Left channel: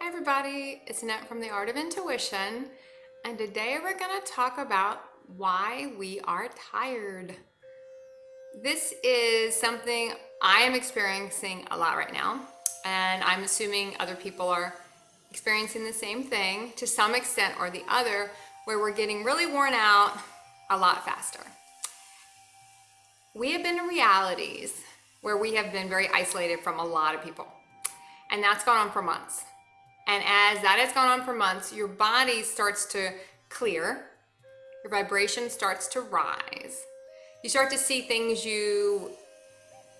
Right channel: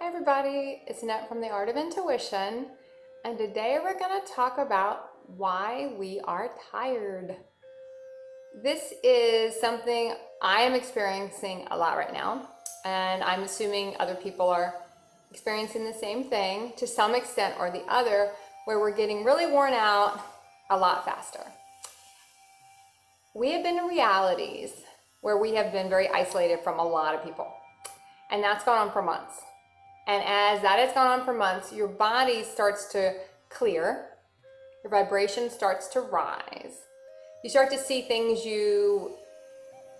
Hi everybody, it's Annette from The Art of Intuition, and today we're going to talk about why we are tired. This is something I am experiencing a lot right now, and I'm assuming other people are experiencing the same thing to some extent or the other, where we're getting really worn out a lot faster. We have been in realities where we have been very isolated from a lot of people, and that's gone on for months. And as that has gone on for months, your body starts to clear, your vibration starts to rise. You start to see things you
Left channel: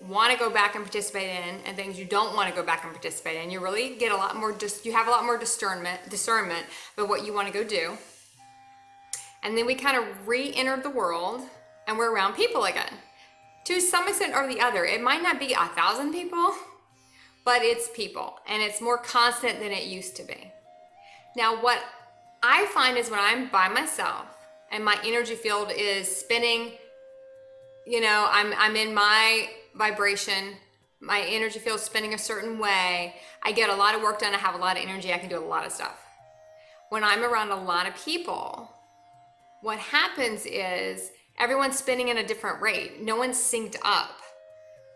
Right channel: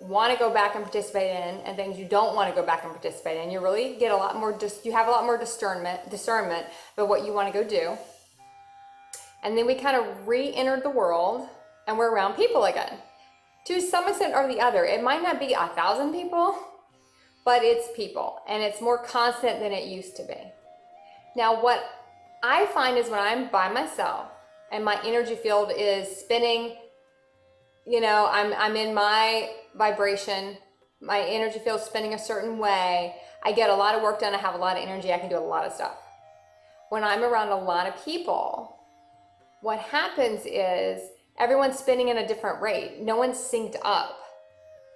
want to go back and participate in and things you don't want to go back and participate in. You really get a lot more, you have a lot more discernment about what you want to go do. And then we kind of re-entered the world and we're around people again. To some extent or the other, it might not be 1,000 people, but it's people, and it's more constant than it used to be. Now, what I find is when I'm by myself and my energy field is spinning, I'm in my vibration, my energy field is spinning a certain way, I get a lot of work done, I have a lot of energy, I can do a lot of stuff. When I'm around a lot of people, what happens is everyone's spinning at a different rate. No one's synced up.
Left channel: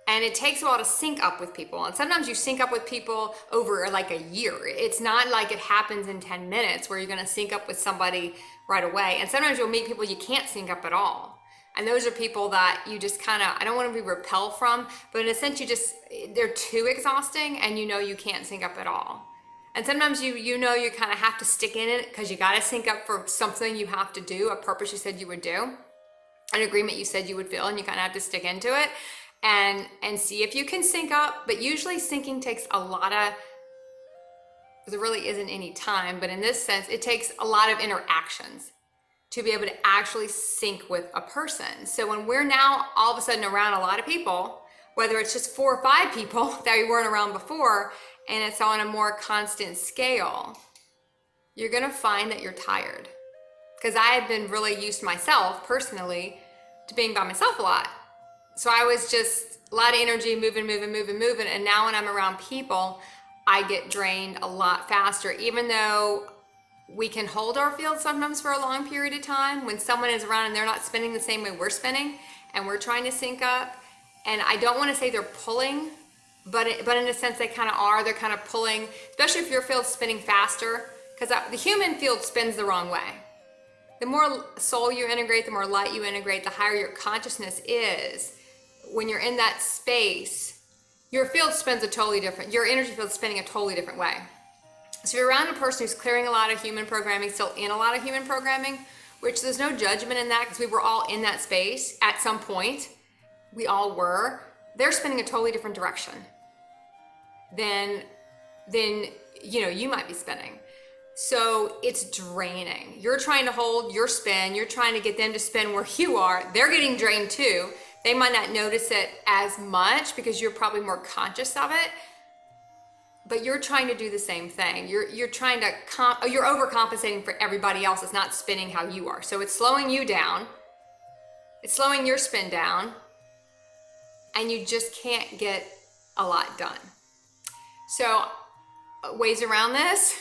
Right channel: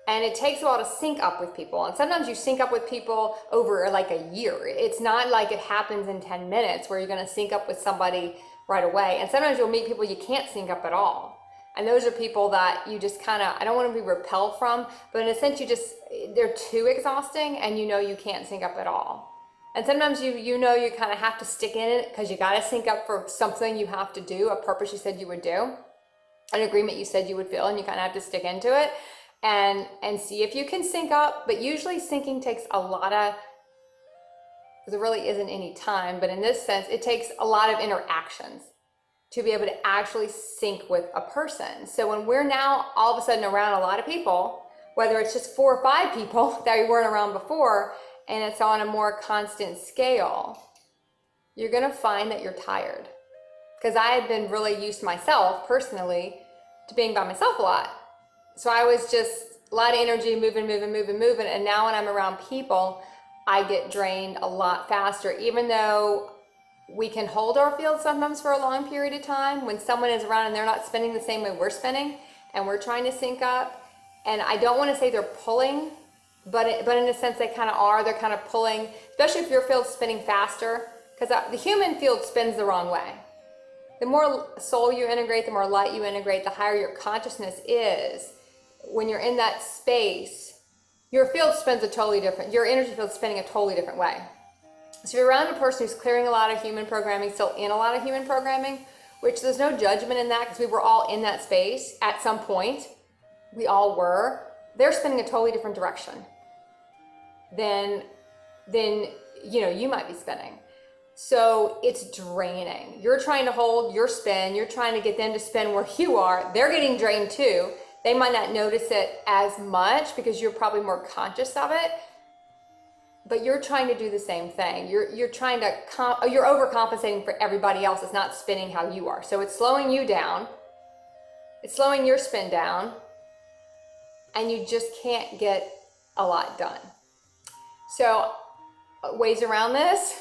And it takes a while to sync up with people. And sometimes you sync up with people over like a year. It's not like it happens in 10 minutes where you're going to sync up with somebody right away. And sometimes you'll meet people you can't sync up at all. And those are people that you just kind of, I don't want to be repelled from, but in a sense they're too exhausting and you can't sync up at all. And sometimes you kind of have to stick in it because you got to sync up for something you have to do, a purpose you said you would do, an agreement you said you would feel, and you kind of have to stick into it and see if you can sync up. But usually syncing takes a lot of, there really isn't any time, but in this sense, it takes a lot of interactions to be able to actually sync with a person. So when we're now all of a sudden around a lot of people, whether it's just 4 or 5 people that we weren't around before, and it's on a more constant scale, you're gonna find that you're tired. Because I had been really used myself personally to being by myself a lot. So I was just a lot of energy, moving. And now when I'm around people, I get drained a lot faster, even though we can hold our field sometimes for a long period of time. When someone is around and they're not spinning the same way we're spinning and we're trying to sync up. And I don't want to say they're pulling, but in a sense they kind of are. They're kind of pulling, especially if your field's spinning faster, because the human field spins the wrong way. The more soul you integrate, the more light you integrate, the higher your consciousness is. When you're in that space, your field spins your energy field is spinning a totally different way. So you're around a person who's clearing a lot of human programming, still in a lot of human programming, which there's no judgment in that because we were all in that space at some point. We all were. They're spinning a totally different direction than you might be spinning. So it's draining. You're trying to hold your spin. You're trying to get them to spin where you are. They're getting drained too. They might not notice it as much because you're probably more conscious of it, but you're trying to do the same thing. You're trying to, you're overcompensating for everybody else that's not spinning how you are. So it's slowing you down. It's slowing your spin down, and you just can't get a lot done. So ways around this,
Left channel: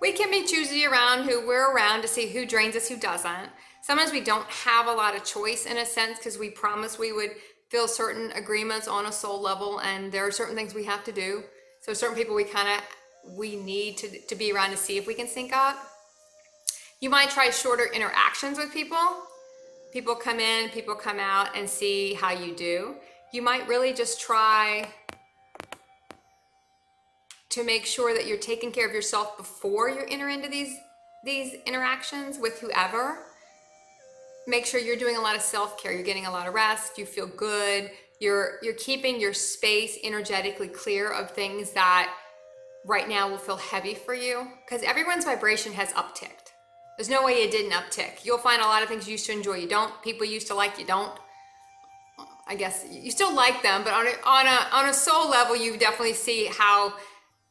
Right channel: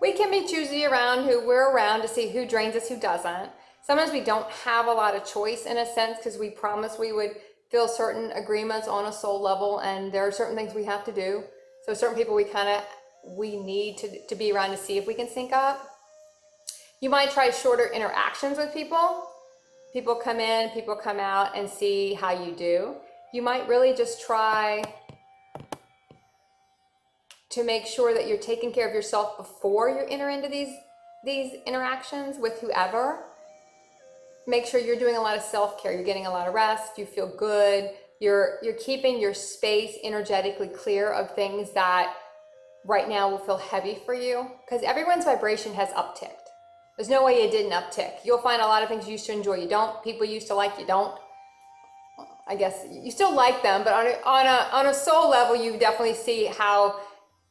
we can be choosy around who we're around to see who drains us, who doesn't. Sometimes we don't have a lot of choice in a sense because we promised we would feel certain agreements on a soul level, and there are certain things we have to do. So certain people we need to be around to see if we can sync up. You might try shorter interactions with people. People come in, people come out, and see how you do. You might really just try to make sure that you're taking care of yourself before you enter into these interactions with whoever. Make sure you're doing a lot of self-care. You're getting a lot of rest. You feel good. You're keeping your space energetically clear of things that right now will feel heavy for you, because everyone's vibration has upticked. There's no way it didn't uptick. You'll find a lot of things you used to enjoy, you don't. People you used to like, you don't. I guess you still like them, but on a soul level, you definitely see how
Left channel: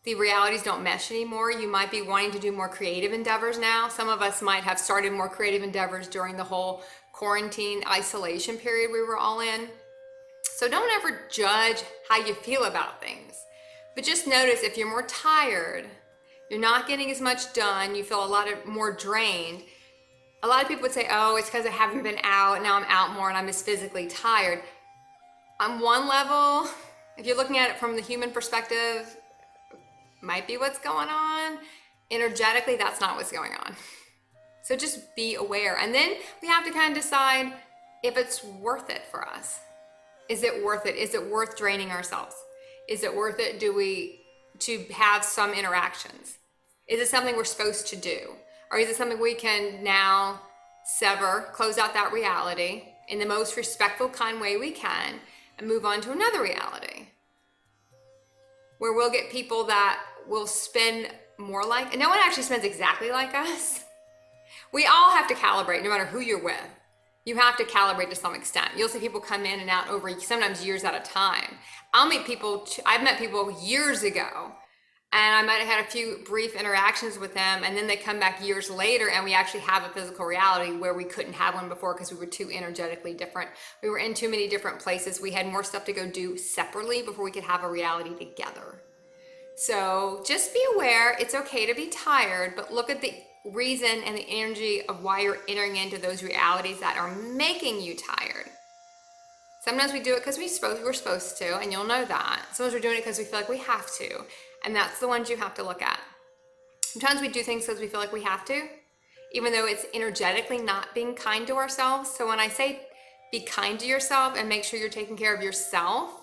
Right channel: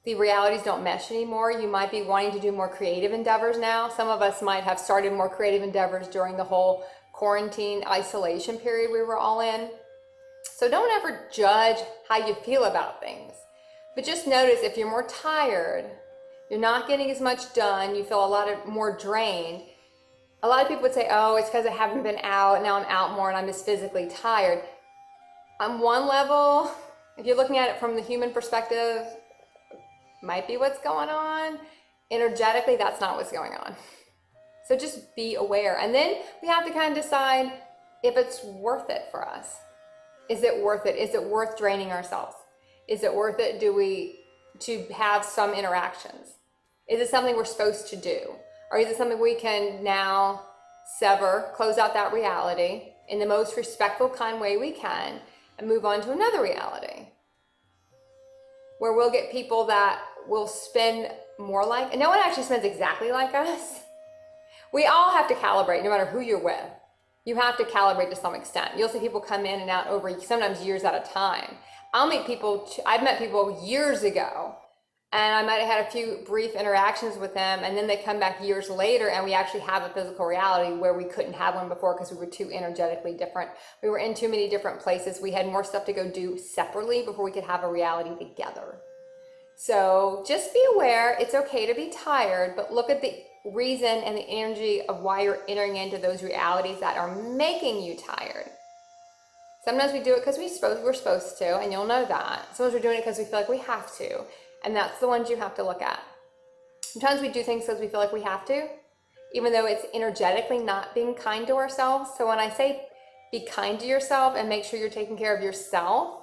the realities don't mesh anymore. You might be wanting to do more creative endeavors now. Some of us might have started more creative endeavors during the whole quarantine isolation period we were all in. So don't ever judge how you feel about things. But just notice if you're more tired, you're not getting as much done, you feel more drained. A lot of people would say, oh, it's because I haven't been out, now I'm out more and I'm just physically tired. On one level, if you're looking at it from the human perspective, might be what's going on. Energetically, that's not what's going on. So just be aware. And then we have to kind of decide if it's worth it for us. Is it worth it? Is it worth draining ourselves? Is it worth it to have some interactions? Is it something we're supposed to do? Or is it something we can now sever, close out that reality in the most respectful, kind way we can, and move on to another reality? Where we'll get people that will spend more like, and no one actually spends exactly like us. We all have to calibrate no matter who you're with. You have to calibrate to some extent. You'll see people come in and out over sometimes years at a time. I've met people years ago, and I might have had a few brief interactions with them, and then they come back years later and we actually have a physical reality where we couldn't have one before because we were too energetically different. We were in too many different places. We had more stuff to go do separately before we could have a reality together. So just be aware, it's okay to be tired, but look at the reason and the energy of why you're entering into those realities that are making you tired. Sometimes we do it because we're supposed to, and you'll know that. Sometimes we're doing it because we feel like we have to, and that's the ones you have to look at. Sometimes we do things because we feel like we have to, even though it's energetically not being kind to ourselves. So when I say be kind to yourself and make sure you're taking care of yourself,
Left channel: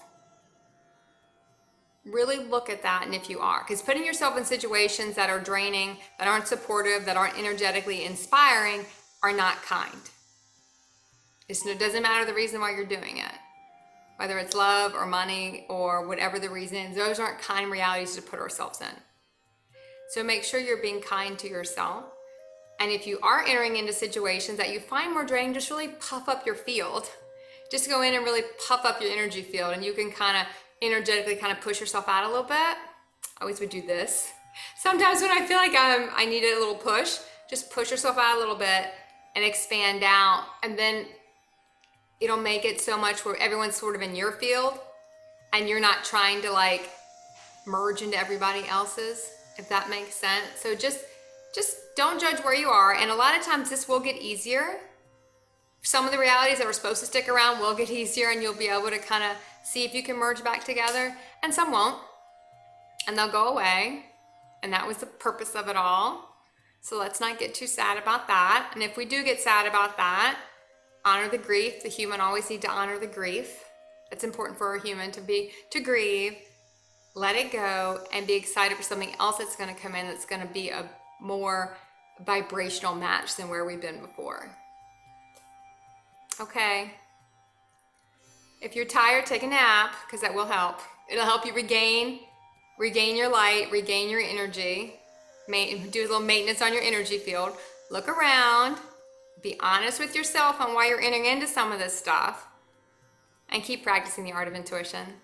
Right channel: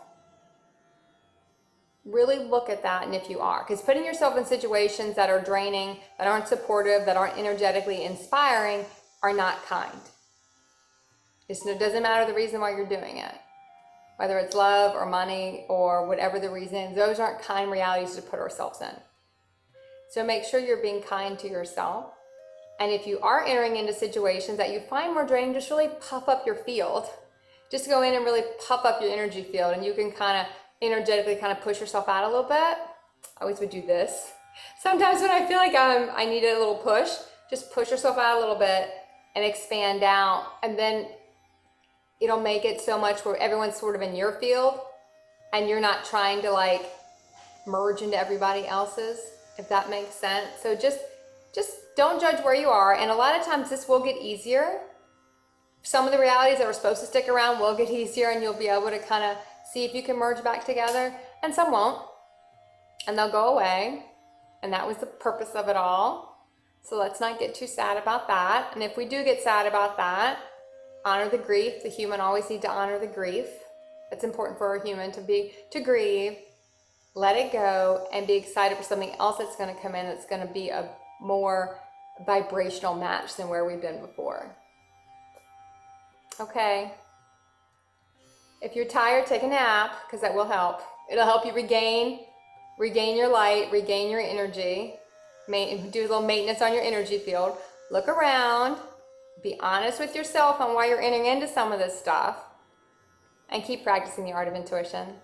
really look at that, and if you are, because putting yourself in situations that are draining, that aren't supportive, that aren't energetically inspiring, are not kind. It doesn't matter the reason why you're doing it, whether it's love or money or whatever the reason is. Those aren't kind realities to put ourselves in. So make sure you're being kind to yourself. And if you are entering into situations that you find more draining, just really puff up your field. Just go in and really puff up your energy field, and you can kind of energetically kind of push yourself out a little bit. I always would do this. Sometimes when I feel like I need a little push, just push yourself out a little bit and expand out, and then it'll make it so much where everyone's sort of in your field and you're not trying to like merge into everybody else's, if that makes sense. So just don't judge where you are, and a lot of times this will get easier. Some of the realities that were supposed to stick around will get easier, and you'll be able to kind of see if you can merge back together, and some won't, and they'll go away, and that was the purpose of it all. So let's not get too sad about that. And if we do get sad about that, honor the grief. The human always need to honor the grief. It's important for a human to grieve, let it go, and be excited for something else that's going to come in that's going to be a more vibrational match than where we've been before. Okay. If you're tired, take a nap, because that will help. It'll help you regain your light, regain your energy, do a little maintenance on your energy field. Look around, be honest with yourself on why you're entering into some of this stuff, and keep practicing the art of intuition.